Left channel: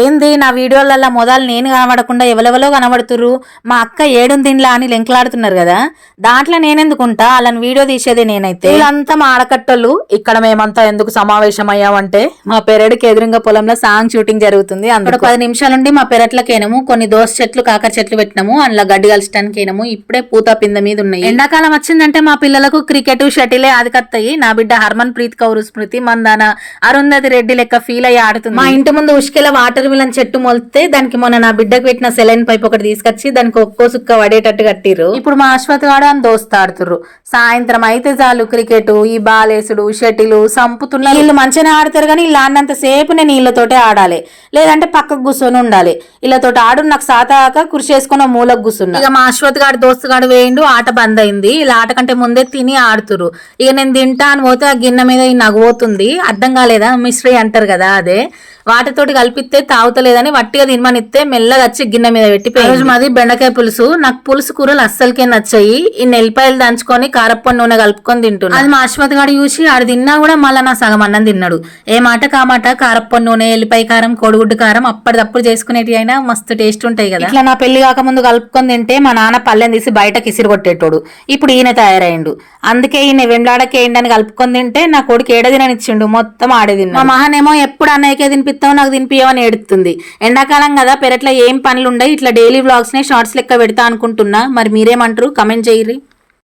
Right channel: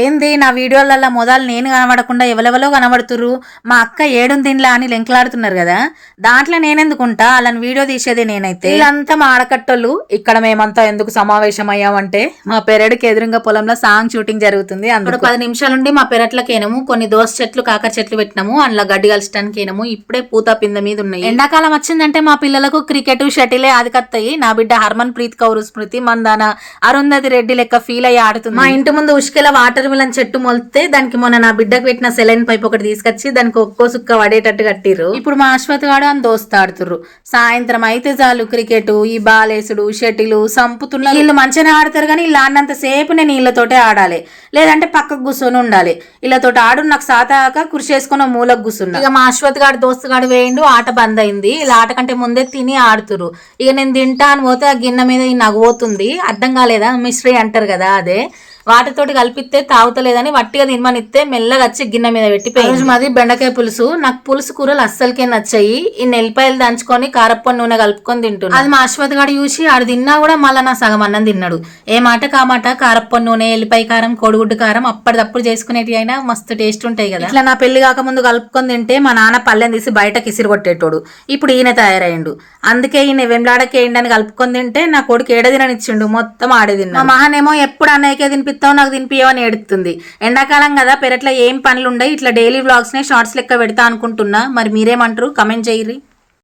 ఏంది నా వీడియోలలో మొదలు నేను కనబడకుండా ఎవరెవరో కనబడుతుర్రు, మా అక్క ఏడుంది తినలా అని లెంకలాడుతున్నారు కదా, దాంట్లో నేనెందుకుంటా, వాళ్ళని వీడియో తీసేది నేనైతే. వీళ్ళంతా మా ఆడకట్టోళ్ళు. ఇక్కడ మేమంతా ఎందుకు సమావేశం అయ్యామంటే మా పెరడికి ఎదురుగా పొలంలో సాంగ్ షూటింగ్ జరుగుతుంది. అందులో 10 నిమిషాల నుండి మా పెరట్లకేనము కొన్ని దోస చెట్లు కాకర చెట్లు పెట్టినాము, అందులో గడ్డి కలిసటానికేనము. ఇప్పుడే పూత పింద మీద ఉన్నాయి. ఎండాకాలం వచ్చిందంటే మా పిల్లలకు క్రికెట్ షటిలే ఆదికత్తాయి. నా బిడ్డ హర్మన్ ప్రీత్ కౌర్ స్మృతి మందాన అరుంధతి రెడ్డి లెక్క ఫీల్ అయ్యి ఆడుతుంది. మా ఇంటి ముందు ఉష్కెల వాటర్ మిలన్ చెట్టు మొలితే దానికి మొన్న నా బిడ్డకు పెట్టిన సెలైన్ పైప్ ఒకటి తీసుకొచ్చి దానికి ఒక్కో సుక్క పడేటట్టు కట్టిర్రు. ఇప్పుడు మా అశ్వత్ వాడు అని దోస్తాడుతుర్రు. సాయంత్రం అయితే చాలు క్రికెట్, ఈ బాలేసుడు, షటిలు సంపుతున్నారు. వీళ్ళు మంచిగా ఆడతారు కానీ వీళ్ళు ఆడినంత సేపు నేను వీళ్ళతోటే ఆడాలి, లేదంటే పక్కకు కూర్చొని ఉండాలి. వీళ్ళతోటి ఆడు నాకు సాతాక కృషి చేసుకున్న మూలకు కూర్చున్నా. ఇక మా అశ్వత్ గాడు దోస్తుగాడు వేయండు, ఆట బంద్ అయింది. ఇలా ఆట కంటే ముందే తిని ఆడుతురు. ఇక నేను తింటా అని పోతే ఆ గిన్నె మీద నవ్వుతుంది. అర్థం కాలేదా, మిశ్రీ అంటారు కదా, అదే వాటితోటి కలిపితే తాగుతలేదని వట్టిగా తినమనిస్తే మెల్లగా వచ్చి గిన్నె మీద పెట్టిపోయి. రోజు మాది బెండకాయ పులుసు. నాకు పులుసు కూరలు అస్సలకే నచ్చాయి. ఈ నెల్లిపాయలు దంచుకొని కారప్ప నూనె కలుపుకొని తింటున్నాను. అది మా అశ్వత్ గాడు చూసి ఆడు తిన్నా కూడా మళ్ళీ నా సగం అన్నం తిన్నాడు. ఏ మాట కామాట కారప్ప నూనె, ఎల్లిపాయ కారం, కోడిగుడ్డు కారం అప్పటిదప్పుడు చేసుకునేటి అయినా మస్తు టేస్ట్ ఉంటాయి కదా. ఇట్లా నా పెళ్లి కాకముందు కలుపుకొని తింటే మా నాన్న పల్లెని తీసి బయటకి ఇసిరి కొట్టేటోడు. ఇప్పుడు ఈయన తయారైండు. అందుకే ఈయన వెంబలాడకేయండి అని కలుపుకొని తింటే నా కొడుకు ఏడదిననిచ్చిండు, మొత్తం ఆడే తిన్నా. మా మహానేమో ఎప్పుడు అన్నయ్యకే తినిపిస్తావు, నాకు తినిపియవని ఏడుతుంది. ఎండాకాలం కదా, పెరట్లో ఏం పనులు ఉండవు, ఇట్లా డైలీ వ్లాగ్స్ ని షార్ట్స్ లెక్క పెడతా అనుకుంటున్నా. మరి మీరేమంటారు, కమెంట్ చేయరి.